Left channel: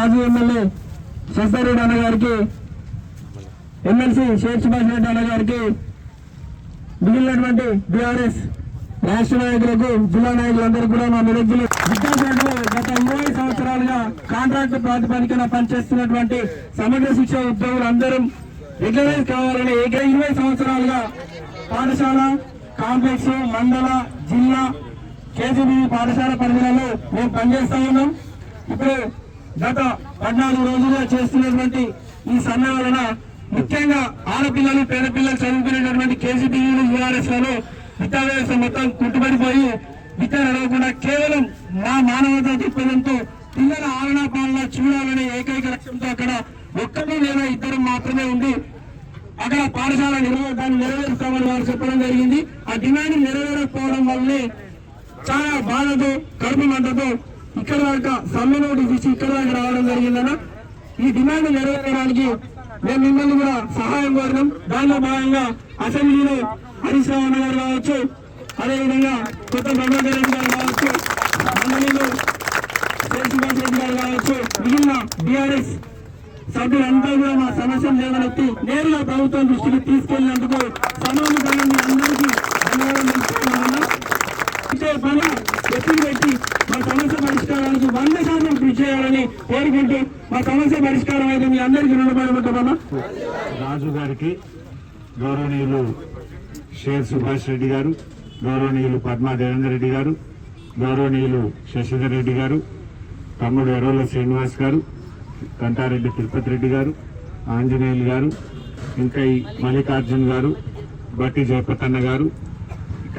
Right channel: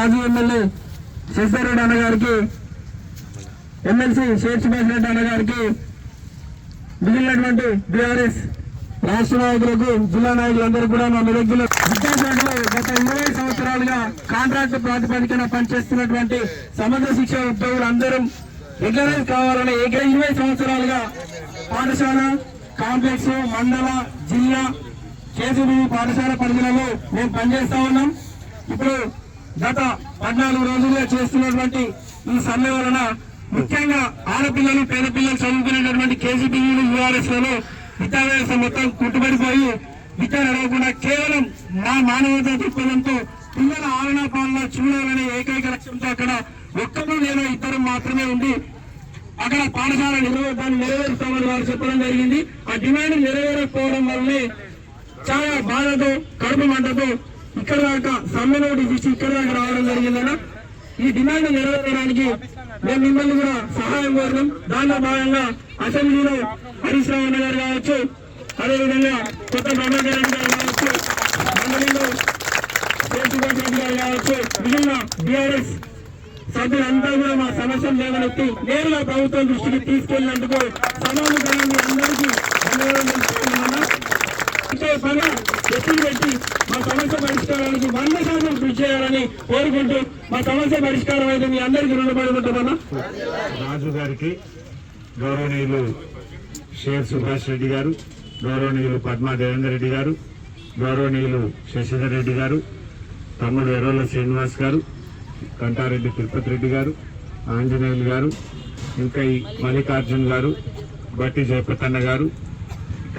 మాజీ ఎమ్మెల్యే శశిరెడ్డి అన్నగారికి ఎమ్మెల్సీ షేక్ సుభాష్ రెడ్డి అన్న మిగిలినటువంటి బీఆర్ఎస్ రాష్ట్ర నాయకులకు జిల్లా నాయకులందరూ కూడా మా నిరుద్యోగులు విద్యాశాఖలో గత ఇరవై సంవత్సరాలుగా కాంట్రాక్ట్ ప్రాతిపదికన పనిచేస్తున్నటువంటి సమగ్ర శిక్ష ఉద్యోగులందరూ రెగ్యులరైజ్ కావాలని ఏక ఇరవై సంవత్సరాలుగా పాఠశాల కాంప్లెక్స్ మండల జిల్లా కేసీబీ పాఠశాల పరిధిలో మేము పనిచేస్తా ఉన్నాం. ఇప్పుడు గత పద్నాలుగు రోజులుగా చేస్తున్నటువంటి ఈ సమ్మె వలన ముఖ్యంగా ఆడపిల్లలు పేద పిల్లలు చదువుకునేటటువంటి కేజీబీలు యూఆర్ఎస్లలో విద్యా మొత్తం కుట్టుబడిపోయి విద్య నడవకుండా కేవలం మా మానవతా దృక్పథంతో పిల్లల ఆలనా పాలన చూడాలనే ఏకైక లక్ష్యంతో అక్కడ ఒక్కరు లేదా ఇద్దరు మాత్రమే ఉంది అక్కడ పాఠశాల నిర్వహణ దాన్ని నెరవేరుస్తామని వారు చెప్పడం జరిగింది. ఆ డిమాండ్ నెరవేరకపోవడం వల్లే చాలా బాధతో కడుపు మంటతో ఇక్కడ దాకా సమ్మె నోటీస్ ఇచ్చి ఇక్కడ దాకా రావడం జరిగిందన్న. ఈ డిమాండ్ నెరవేరడానికి మేము మిమ్మల్ని కూడా సహాయం కోరినాం దానిలో భాగంగా అసెంబ్లీలో హరీష్ రావు అన్న గారు కావచ్చు అదేవిధంగా కొత్త ప్రభాకర్ రెడ్డి గారు కావచ్చు మండలిలో శేషుభాష్ రెడ్డి గారు కావచ్చు మిగిలిన బీఆర్ఎస్ సభ్యులంతా కూడా మా సమస్యలు లేవనెత్తి నేరుగా ప్రభుత్వం దృష్టికి తీసుకెళ్ళినందుకు సమయం కలిగింది అందరికీ ధన్యవాదాలు తెలుపుతున్నాను ఇచ్చే పని ఎత్తులు పెట్టి మా సమస్య పరిష్కారానికి వంద శాతం కృషి చేయాలని కోరుకుంటూ మా సమస్య పరిష్కారం అయితే మీ అందరికీ రుణపడి ఉంటున్నాను రాజు గారికి గౌరవనీయులు షేర్ సుభాష్ రెడ్డి గారు గౌరవనీయులు పద్మా దేవేందర్ రెడ్డి గారు గౌరవనీయులు శశిధర్ రెడ్డి గారు తమ్ముడు ఎర్రోళ్ళ శ్రీనివాస్ గారు కంటారెడ్డి తిరుపతి రెడ్డి గారు ఆంజనేయులు గారు ఇంకా ఈ మల్లికార్జున్ గారు బట్టి జయపతన్న గారు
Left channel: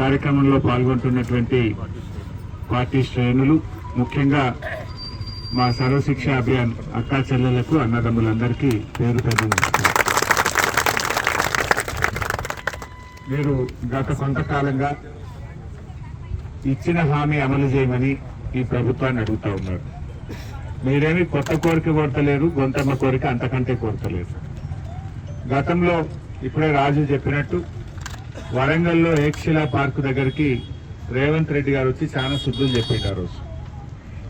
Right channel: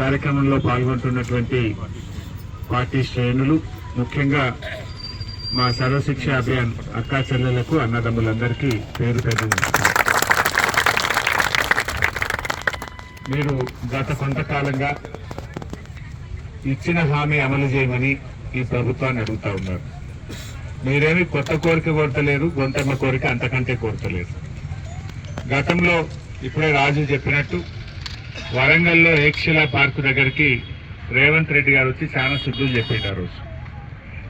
కార్యక్రమంలో పాల్గొంటున్నటువంటి పార్టీ శ్రేణులు ముఖ్యంగా మా సర్వశిక్ష అభియాన్ అక్కా చెల్లెలకు అన్నదమ్ములందరికీ పేరు పేరు మీరు గత కొంతకాలంగా ఇచ్చిన హామీ అమలు చేయమని ఈ ప్రభుత్వాన్ని అడుగుతా ఉన్నారు. మీరేమి కొత్త కోరిక కోరతలేరు గొంతమ్మ కోరిక అంతకంటే కోరతలేరు గతంలో ఇప్పుడే రాజు చెప్పినట్టు వరంగల్లో ఏక్షిలా పార్క్ దగ్గరికి రేవంత్ రెడ్డి గారు వచ్చి చాలా శుద్ధులు చెప్పిండు ఆ రోజు.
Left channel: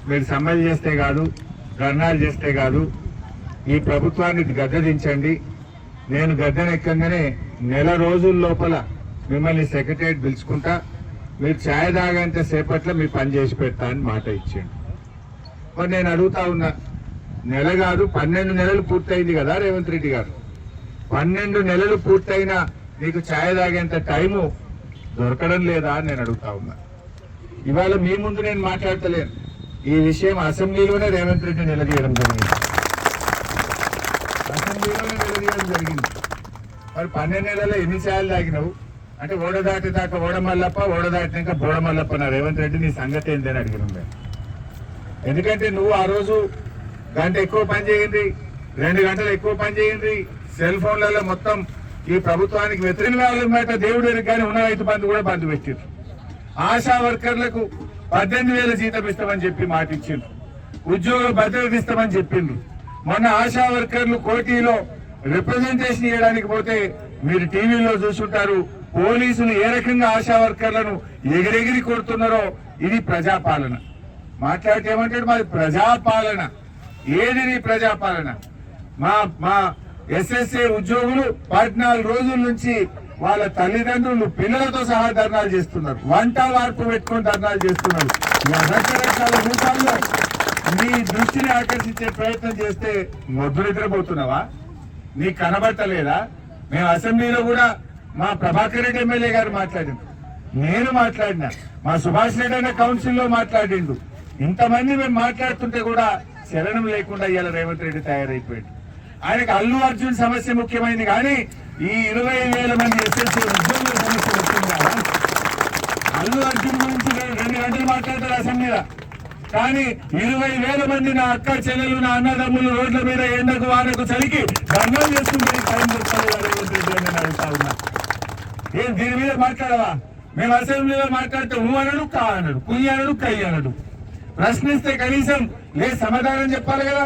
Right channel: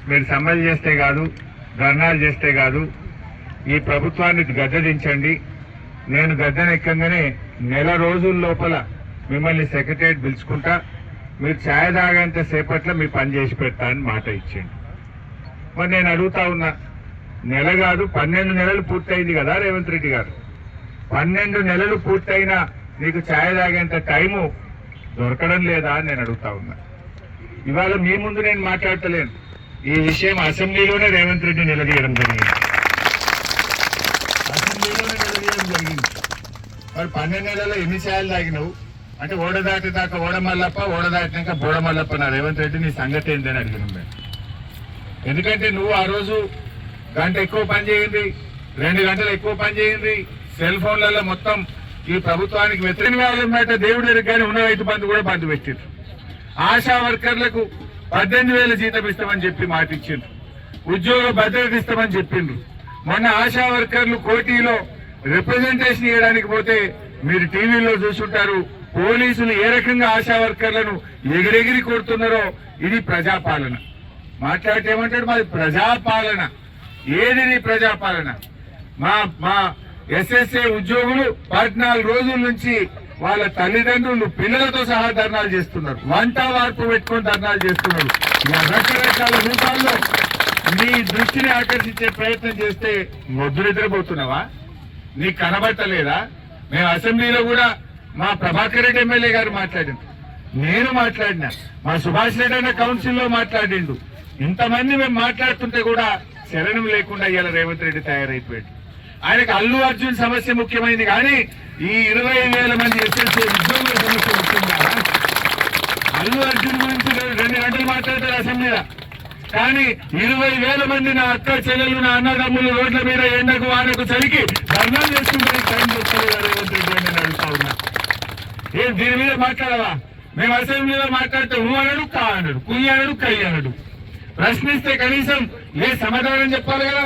మీరు సమ్మెలు చేస్తే కాదు ధర్నాలు చేస్తే కాదు ఈ ప్రభుత్వాన్ని గద్దదించండి నేను గద్దెనెక్కగానే నెల రోజుల లోపల మిమ్మల్ని సెక్రటరియట్ పిలుచుకుంటా మీరు ఛాయ్ తాగేంత సేపట్లో మీ పని చేసి పెడతా అని మాట ఇచ్చింది మరి నేను అడుగుతా ఉన్నా నెల కాదు పన్నెండు నెలలు పూర్తయింది కదా రేవంత్ రెడ్డి గారు. పన్నెండు నెలలు పూర్తయినా నీకు ఛాయ్ తాగేంత టైము దొరకడం లేదా అని నేను అడుగుతా ఉన్నా. ఇవాళ మీ ముందు నేను మాట్లాడతలేను. ఈ విషయం అసెంబ్లీలోనే రేవంత్ రెడ్డి నిలదీయడం జరిగింది. అసెంబ్లీలోనే నిలదీయడం జరిగింది. మరి పన్నెండు నెలల్లో ఎన్ని ఛాయలు తాగినావు? అంటే ఓడదాటి దాకా ఓడమల్లప్ప మల్లప్ప ఓడ నా రేవంత్ రెడ్డి నీ సంగతి ఏంటని అడిగినాం మేము. ఎందుకంటే నువ్వు ఆ రోజు గంట ఎక్కువ పని చేయండి రెండు గంటలు ఎక్కువ పని చేయండి సెల్ ఫోన్లలో మొత్తం ఈ ప్రభుత్వానికి వ్యతిరేకంగా దేవుడి ఎరుగు కానీ ఉన్న రైతు బంధు కూడా బంద్ పెట్టిండ్రు. ఆశా వర్కర్లకు పద్దెనిమిది వేల జీతం ఇస్తామని చెప్పి మాట ఇచ్చిండ్రు ఉద్యోగ భద్రత ఇస్తామని చెప్పిండ్రు. మొన్న ఆశా వర్కర్లు కోటిలో రిప్రజెంటేషన్ ఇవ్వడానికి పోతే మీరు టీవీలో చూసుంటారు పోలీసులు ఏ రకంగా ఆశా వర్కర్లను ఎగిరెగిరి కొడుతున్నారో ఇది ప్రజాపాలన. మాట్లాడితే ఏమంటాడు? మాది ప్రజాపాలన. ఏది ప్రజాపాలన? మా మా ఎస్ఎస్ఏ ఉద్యోగులు పద్నాలుగు రోజుల నుంచి వాళ్ళ తల్లిదండ్రులు పిల్లలతో సహా ధర్నాలు చేస్తున్నారు. వంట వార్పు పెట్టుకొని ధర్నాలు చేస్తున్నారు. రకరకాల రూపాల్లో నీ దృష్టిని ఆకర్షించే ప్రయత్నం చేస్తే మొద్దు నిద్రపోతున్నావా నీకు కనబడతలేదా? మేము అసెంబ్లీలో కూడా మా ప్రభాకర్ రెడ్డి ఎమ్మెల్యే గారు మాట్లాడింది నేను మాట్లాడినా. మా సుభాష్ రెడ్డి అనే కౌన్సిల్లో మాట్లాడిండు. ఇంతమంది మేము మాట్లాడుతుంటే కూడా శరణం లేకుండా ఇవాళ రేవంత్ రెడ్డి తయారైపోయాడు. ఆయనకు అల్లు అర్జున్ సమస్య ముఖ్యమైనది కానీ ఈ ఇరవై వేల మంది ఎస్ఎస్సీ ఉద్యోగుల సమస్య ముఖ్యంగా అల్లు అర్జున్ గురించి రెండు గంటలు మాట్లాడతారు అసెంబ్లీలో. కానీ ఇరవై వేల మంది నా అక్క చెల్లెలు నా అన్నదమ్ములు రోడ్ల మీద ఎండకు వానకు చలికి ధర్నాలు చేసుకుంటే టైం దొరకలేదు రేవంత్ రెడ్డి అని అడుగుతా ఉన్నా. ఏం దీని మీద మాట్లాడవా? మేము అసెంబ్లీలో మాట్లాడితే ఊ అనడు కా అనడు కుయ్యి అనడు అనడు. ప్రశ్నిస్తే కనీసం ఏ సమాధానం చెప్పాలి కదా?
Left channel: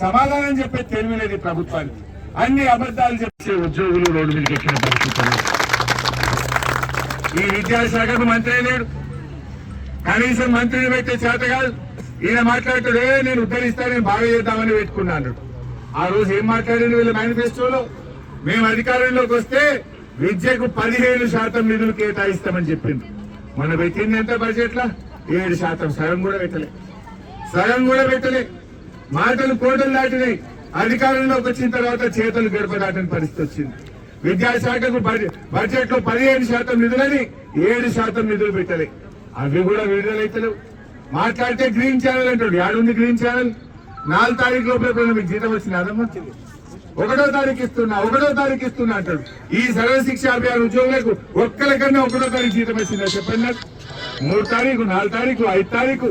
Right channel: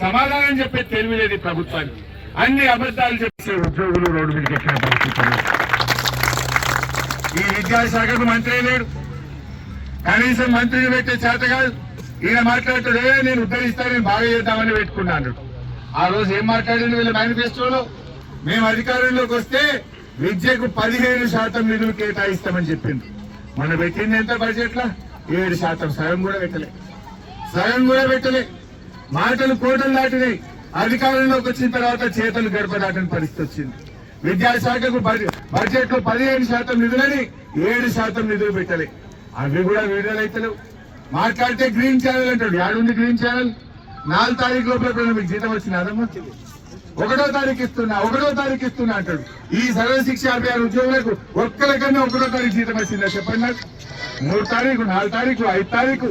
సమాధానం చెప్పే తెలివి లేదు ప్రభుత్వానికి. అన్ని అబద్ధాలు చెప్పే ఉద్యోగులు రోడ్డు మీదకి ఎక్కిన పరిస్థితులు ఈ విద్యాశాఖకు మంత్రి లేడు. కనీసం మంత్రిని పెట్టే చేత కాదు. ఈయన మాట్లాడితే నేను ఉద్ధరిస్తా నేను బాగా చేద్దామని పెట్టుకున్నాను. ఆ రోజు ఏం మాట్లాడింది వీళ్ళ మేనిఫెస్టోలో? మేము అధికారంలోకి వస్తే విద్యకు పదిహేను శాతం నిధులు కేటాయిస్తామని చెప్పింది. మొన్న పెట్టింది ఎంత బడ్జెట్ ఏడు శాతం. సగం కూడా పెట్టలే. సగం కూడా పెట్టలే. మాటలు కోటలు దాటినాయి అధికారంలోకి వచ్చిన తర్వాత చేతులు గడప దాటని పరిస్థితి వచ్చింది. విద్యాశాఖకు బడ్జెట్లో పదిహేను శాతం నిధులని ఏడు శాతం నిధులు పెట్టలే. అవి కూడా విడుదలైతలేవు మాట్లాడితే గ్రీన్ ఛానల్ అంటాడు. యాడుంది గ్రీన్ ఛానల్ నాలుగు తారీఖు లోపల మీకు జీతం వచ్చిన అదమ్మా. ఒకటో తారీఖు ఇస్తున్నా ఒకటో తారీఖు ఇస్తున్నా అంటాడు. ఈ సర్వ శిక్ష అభియాన్ ఉద్యోగులకు ఒక్కరికన్నా ఒకటో తారీఖు జీతం వచ్చిందా చెప్పండి నాకు? మూడు తారీఖు నాలుగు తారీఖు ఐదు తారీఖు.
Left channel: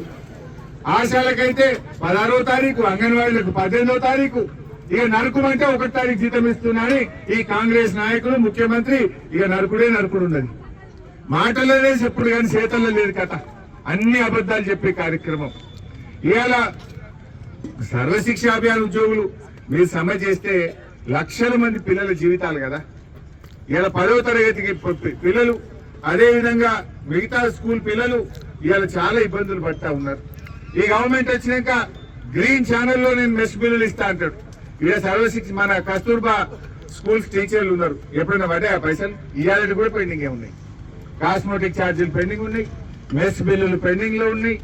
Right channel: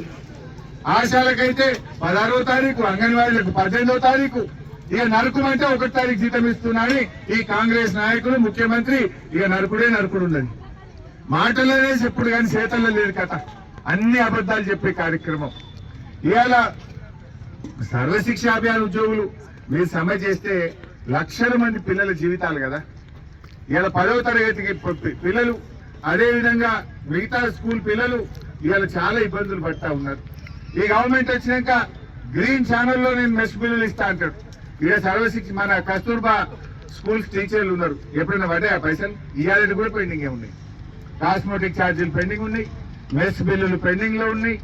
ఆశాలకైతే పదహారో తారీఖు అంగన్వాడీలకు పద్దెనిమిదో తారీఖు. ఇక నరకమంటే ఒకటి తారీఖు జీతం ఇస్తున్నాడని ఈ కాంగ్రెస్ నాయకుడు ముఖ్యమంత్రి ఇక నరకుడే నరుకుడు ఉన్నది. మాటల్లోనే చెప్పుడు కానీ చేతల్లో లేదు కథ. అన్ని అబద్ధాలు చెప్పే కార్యక్రమం. ఇవాళ సర్వశిక్ష అభియాన్ ఉద్యోగులు మీరు సమ్మె చేస్తే లక్షల మంది పిల్లల జీవితాలు కదా. ఇవాళ పదవ తరగతికి పిల్లలు అదే విధంగా మిగతా స్కూల్ పిల్లలు ఇవాళ చాలా ఇబ్బందులు పడతా ఉన్నారు. ఈ గవర్నమెంట్ వచ్చినాక గ్రీన్ ఛానల్లో నేను మెస్ బిల్లులు ఇస్తా అంటాడు. ఇక సర్వశిక్ష మన కస్తూర్బా స్కూల్స్ టీచర్లు ఉన్నారు. ఎప్పుడైనా పడ్డా పైసలు? ఇవాళ కూడా పెండింగ్ ఉన్నాయి కాస్మెటిక్ ఛార్జీలు పెండింగ్ ఉన్నాయి. మెస్ బిల్లులు పెండింగ్లో ఉన్నాయి.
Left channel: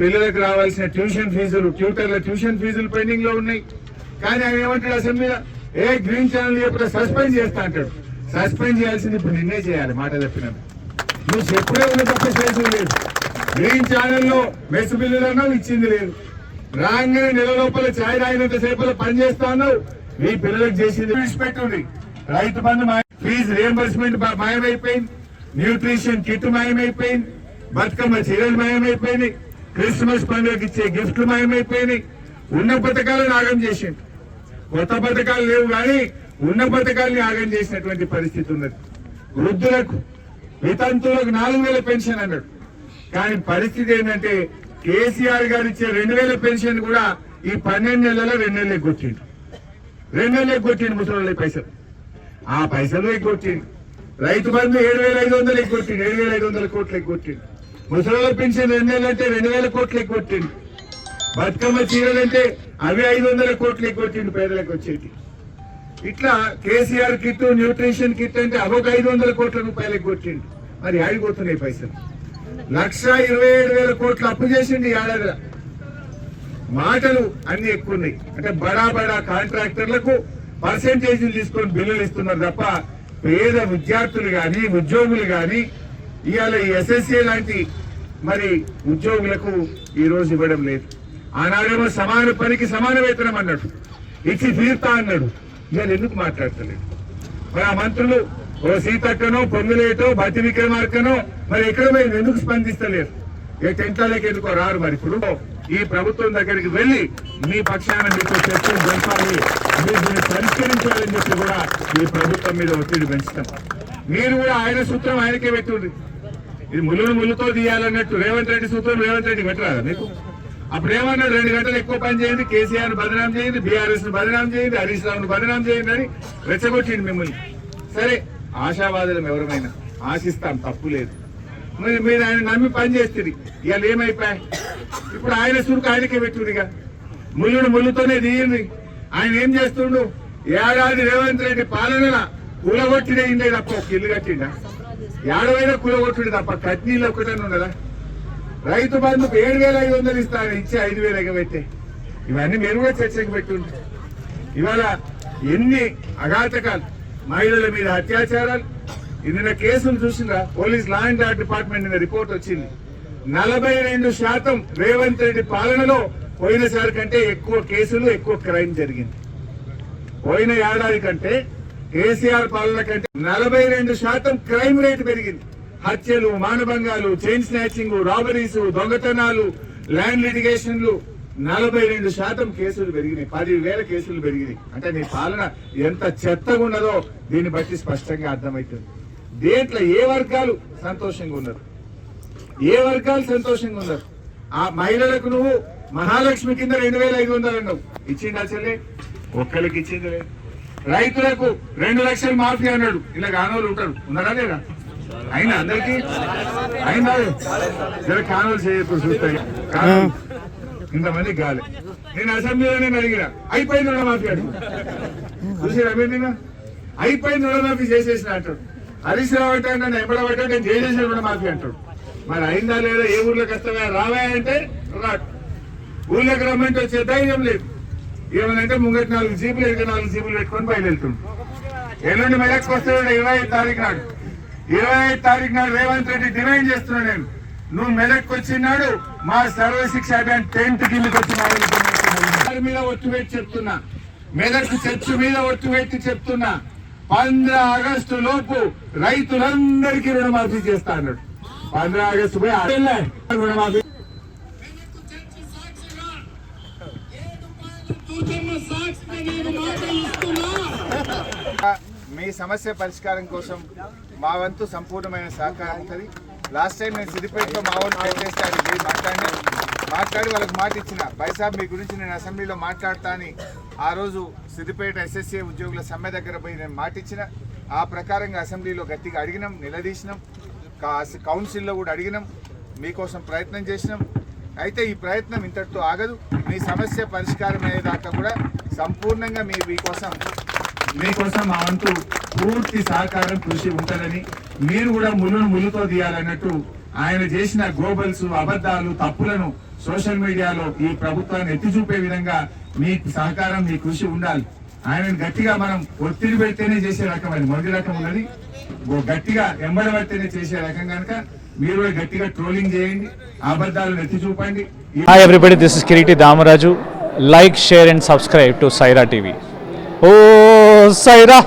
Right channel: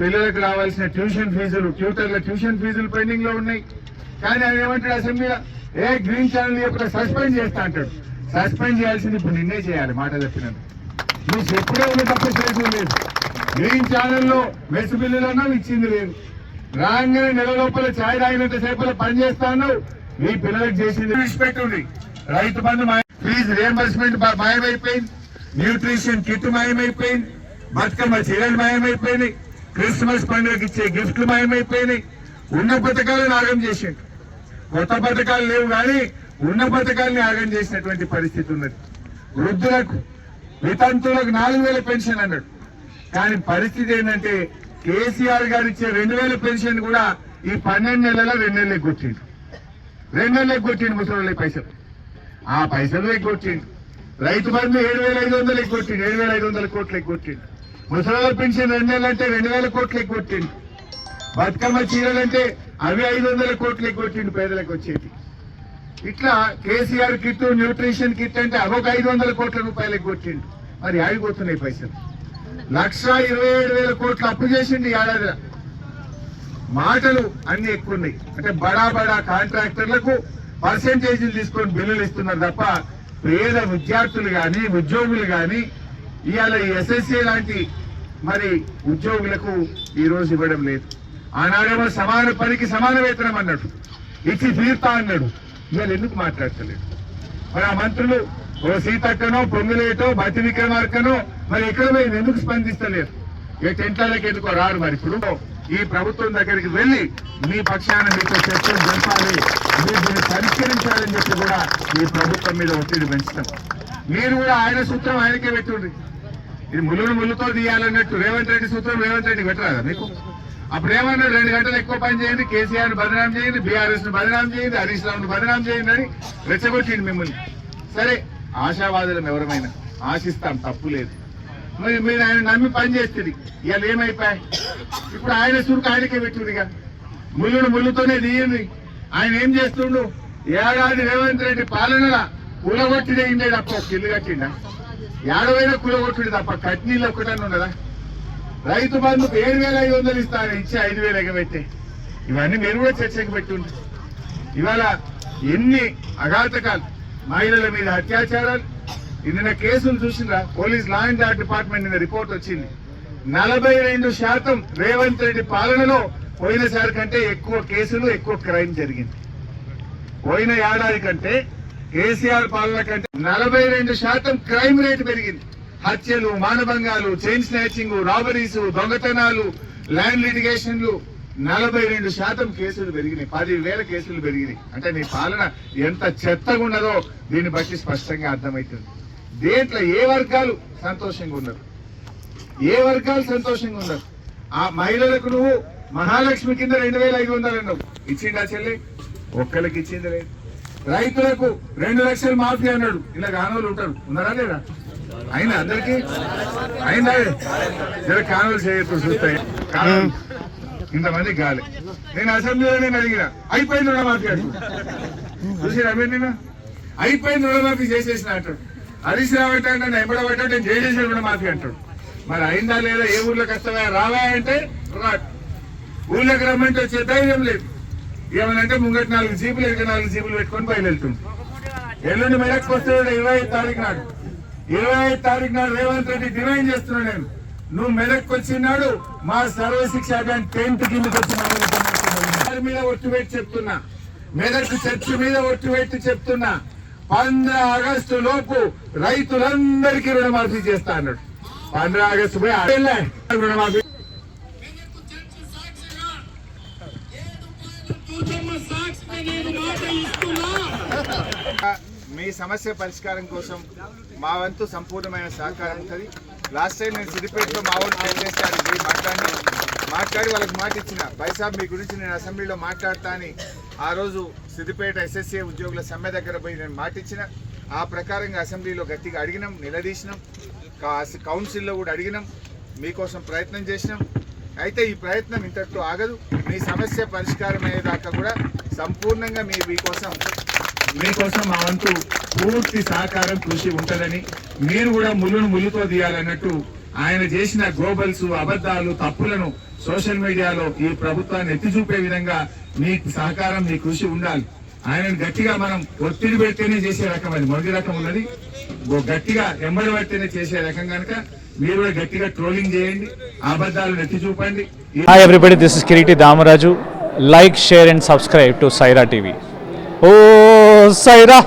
పిల్లలకు రావాల్సిన ట్యూషన్ ఫీజులు ట్యూటర్ల ట్యూషన్ ఫీజులు పెండింగ్లో ఉన్నాయి. కానీ ఆయన ఏమంటాడు అసెంబ్లీలో ఏ గ్రీన్ ఛానల్ యొక్క సస్పెండ్ చేస్తా అంటాడు. సస్పెండ్ చేయాల్సింది ఇప్పుడు నిన్నే చేయాలి మాట చెప్పినట్టు. నువ్వు చెప్పుడే ఉన్న తప్ప చేసింది లేదు. గ్రీన్ ఛానల్లో మెస్ బిల్లులను ఇచ్చింది లేదు. రాగానే నెల లోపల ఛాయ్ రాయినంత సేపల పని చేస్తాను మీ పిల్లలకు చేసింది విడిచిపెట్టుంది. రైతు బంధు ఫీజు రియంబర్స్మెంట్ మాయమైపోయింది. న్యూట్రిషన్ కిట్ మాయమైపోయింది. బతుకమ్మ చీరలు మాయమైపోయినాయి. క్రిస్మస్ పండుగకి ఇచ్చే గిఫ్ట్లు మాయమైపోయినాయి. ఉన్న పథకాలను ఆగం చేసిండు. కొత్త పథకాలు లేవు కానీ ఉన్న పథకాలని ఆగం చేసినటువంటి పరిస్థితి ఉన్నది. వృద్ధులకు వితంతులకు నాలుగు వేల పెన్షన్ అన్నాడు. కానీ పరిస్థితి ఏంటంటే కేసీఆర్ గారు ఇచ్చే రెండు వేల పెన్షన్ కూడా ఈ పన్నెండు నెలల రెండు నెలలు ఎగ్గొచ్చిండు రెండు నెలలు ఎగ్గొచ్చిండు ముసలి పైసలు. ఆ పైసలు ఎగ్గొచ్చిండు రైతు బంధు ఏడు వేల ఐదు వందలు ఎగ్గొట్టిండు ఏడు వేల ఐదు వందల కోట్లు ఎగ్గొట్టిండు ముసలి పెన్షన్ రెండు నెలలు అంటే రెండు వేల కోట్లు ఎగ్గొట్టిండు బతుకమ్మ చీరలు అంటే అవి ఐదు వందల కోట్లు ఎగ్గొట్టిండు పేదలకు వచ్చేది ఇట్లా కేసీఆర్ కిట్ న్యూట్రిషన్ కిట్ అంటే అవొక ఐదు వందల కోట్ల రూపాయలకి కొట్టిండు. మరి ఆడిపోతున్నాయి పైసలు. లక్ష ఇరవై ఏడు వేల కోట్లు అప్పు చేసిండు ఈ ఏడాది. మాటలు అన్ని ఎక్కువ ఉన్నాయి అంటే బడా బడా కాంట్రాక్టర్లకు పర్సెంటేజీలు తీసుకొని బిల్లులు ఇస్తున్నారు తప్ప పేద విద్యార్థులు కానీ ఉద్యోగులు కానీ ఇవాళ ఈ ఎస్ఎస్సీ లాంటి మరి ఉద్యోగులకు ఈ రోజు ఇవ్వడం లేదు. ఆనాడేమో సమాన పనికి సమాన వేతనం అన్నాడు. ఇచ్చి తీర్తా అన్నాడు. ఇవాళ ఎందుకు మాట్లాడతలేదు? మరి ఆ మంత్రులు ఓ సీతక్కనో పొంగులేటో బతి విక్రమార్కనో మరి ఎక్కడ పోయి ఎందుకు స్పందిస్తలేరు? ఇక టెంటాలకి ఎందుకో రారు మరి ఇప్పుడు? ఈ ప్రభుత్వం దగ్గరికి వెళ్ళి మీ పక్షాన మీకు చర్చలు జరపాలి మీరు పరిష్కరించాలని చెప్పి కూడా ఈ ప్రభుత్వం మీద ఒత్తిడి పెంచుతారు మీరు కూడా ఆయన సూత్రం ఆయనకే పెట్టుండ్రి ఇది ముళ్ళును ముళ్ళుతో తీయాలన్నట్టు రేవంత్ రెడ్డి సూత్రం రేవంత్ రెడ్డి పెట్టరాదా మీకు? అప్పుడు ఏమన్నాడు రెండు గంటలు ఎక్కువ పని చేయండి కేసీఆర్ బదనాం చేయండి బీఆర్ఎస్ను బదనాం చేయండి హరీష్ రావు ను బదనాం చేయండి అని రెచ్చగొట్టింది మిమ్మల్ని. సరే ఆశావాదులం ఎవరమైనా ఆశిస్తాం తప్పు లేదు. మరి మీరు ఆయన నమ్మి పని చేస్తుంది ఇవాళ ఏమైపోయాయి? ఇప్పుడు ఆయన సురుకు ఆయనకే పెట్టిందిగా. ముళ్ళును ముళ్ళుతోనే దిగింది. ఆయన ఏం చేస్తుండు? ఏడాది రేవంత్ రెడ్డి పాలనలా కూలగొట్టినే ఇండే తప్ప ఒక ఇల్లు కట్టిండా? ఏడవైనా కూలగొట్టుడు తప్ప కట్నీళ్ళు ఒక్కటని ఉన్నదా? రైతు బంధుకు ఏడు వేల ఐదు వందలు ఇస్తాను ఇచ్చి ఐదు వేలు ఎగబెట్టే. ఇవన్నీ మీరు కూడా చర్చకు పెట్టుండ్రు ఇవాళ ఎన్ని అఘాతకాలు మహిళల మీద అత్యాచారాలు నిన్న కేసులు చూసినా police law and order department నిన్న రిపోర్ట్ వచ్చింది. నలభై రెండు శాతం రేవంత్ రెడ్డి పాలనలో పోయినసారి కంటే ఎక్కువ కేసులు ఎక్కువ క్రైమ్ జరిగింది. పోయిన ఏడాది కంటే కేసీఆర్ పాలన కంటే నలభై రెండు శాతం క్రైమ్ రేటు పెరిగింది. హత్యలు మానభంగాలు చైన్ స్నాచింగ్ రాబరీస్ దొంగతనాలు ల్యాండ్ లిటిగేషన్లు నలభై రెండు శాతం కేసులు పెరిగినాయి. పదివేల కేసులు పెరిగినాయి. అంటే నీ పాలన ఎంత చెత్తగా ఉన్నదో దీన్ని బట్టి స్పష్టంగా అర్థమవుతుంది. దేంట్లో ఏ వర్గాలు సంతోషంగా ఉన్నారు? ఏ వర్గాలు సంతోషంగా ఉన్నారు? ఆ మహిళలకు నువ్వు మహాలక్ష్మి కింద రెండు వేల ఐదు వందలు అన్నావు. ఇచ్చిండా చెల్లె? ఒక్కరికి ఇచ్చింది లేదు. రైతులకు రెండు లక్షలు మాఫీ అన్నాడు. ఇలా గానోళ్ళు ఉంటారు. ఉన్నారా లేదా? అయినా అందరికి అయినా చేయొచ్చు చూస్తాయి కానోళ్ళు ఇంతమంది గాలి. నేను అసెంబ్లీలో నేను అడిగిన అయిపోయింది రుణమాఫీ మీరు నిన్న? అయిపోయింది రుణమాఫీ చేసేసిన అంటాడు హరీష్ రావు అంటే నన్ను ఎంబడబట్టాడు నేను చేసేసిన రుణమాఫీ అంటాడు మరి అయిందా లేదా ఏ ఊర్లో కష్టమే రావా అంటే రాడు ఊళ్ళోకి రమ్మంటే వచ్చే ధైర్యం లేదు. ఏమనంటే ముంగటి నాలుగు జీపులు ఎదుగు నాలుగు జీపులు పెట్టుకొని బయలుదేరుతుంది ఎల్లుండి మెదక్కి వస్తే ఇరవై ఐదు తారీఖు నాడు. ఇరవై ఐదు తారీఖు నాడు రేవంత్ రెడ్డి డిమాండ్ చేస్తున్నా నేను. నువ్వు మెదక్కి వచ్చినాడు మా సర్వశిక్ష అభియాన్ టెంట్ కిందకి వచ్చి మీద ఒట్టు పెట్టి చెప్తున్నా. మెదక్ చర్చ్ మీద ఒట్టు పెట్టి చెప్తున్నా. పంద్ర ఆగస్టు లోపు రైతులందరికీ రుణమాఫీ చేస్తా అన్నాడు. పంద్ర ఆగస్టు పోయి రుణమాఫీ సాక్షి మీ సమస్య పరిష్కారం కోసం మా వంతు సంపూర్ణమైన సహకారం ఉంటుంది. లాస్ట్ టైం నేను సిద్దిపేటలో మా వాళ్ళు పనిచేస్తాను పోయి మాట్లాడి మాట్లాడి వాళ్ళకి మాట ఇచ్చిన. బైసాబ్ మీ గురించి నేను అసెంబ్లీలో మాట్లాడతా అని ఆ రోజు సిద్దిపేట ఎస్ఎస్ఏ ఉద్యోగుల సమ్మె దగ్గర పోయి నేను మాట ఇచ్చిన. ఆ ప్రకారంగా అసెంబ్లీలో గట్టిగా అడిగినాం నిలదీసినాం. కౌన్సిల్లో కూడా అడిగినాం. మీకోసం ప్రయత్నం చేసినాం. అయితే ఈ ప్రయత్నం ఇంతటితో ఆగదు. మీ సమస్య పరిష్కారం అయ్యేదాకా కూడా సంపూర్ణంగా మీ మీకోసం మీకోసం మా వంతు పూర్తి సహకారం కృషి ఉంటుందని మీరు కూడా ముళ్ళును ముళ్ళుతో తీయాలన్నట్టు ఆయన చేసిన గ్లోబల్స్ అబద్ధాలు తప్పులను సోషల్ మీడియాలో ఈ ప్రభుత్వాన్ని ఎత్తి చూపే విధంగా మీ సహకారం మీ కృషి ఉండాలి. ఆయనను గట్టిగా మనం ఒత్తిడి పెడితేనే చేసే రకం అది. మొదటి రకం ఉన్నది. గట్టిగా ఎంబడి చేసే రకం కనుక మీరు కూడా గట్టిగా ట్రోలింగ్ చేయండి అబద్ధాలను ఎత్తి చూపండి. Hi everybody this is Kireeti Damaraju like share and subscribe to Saira TV oh జోసైరా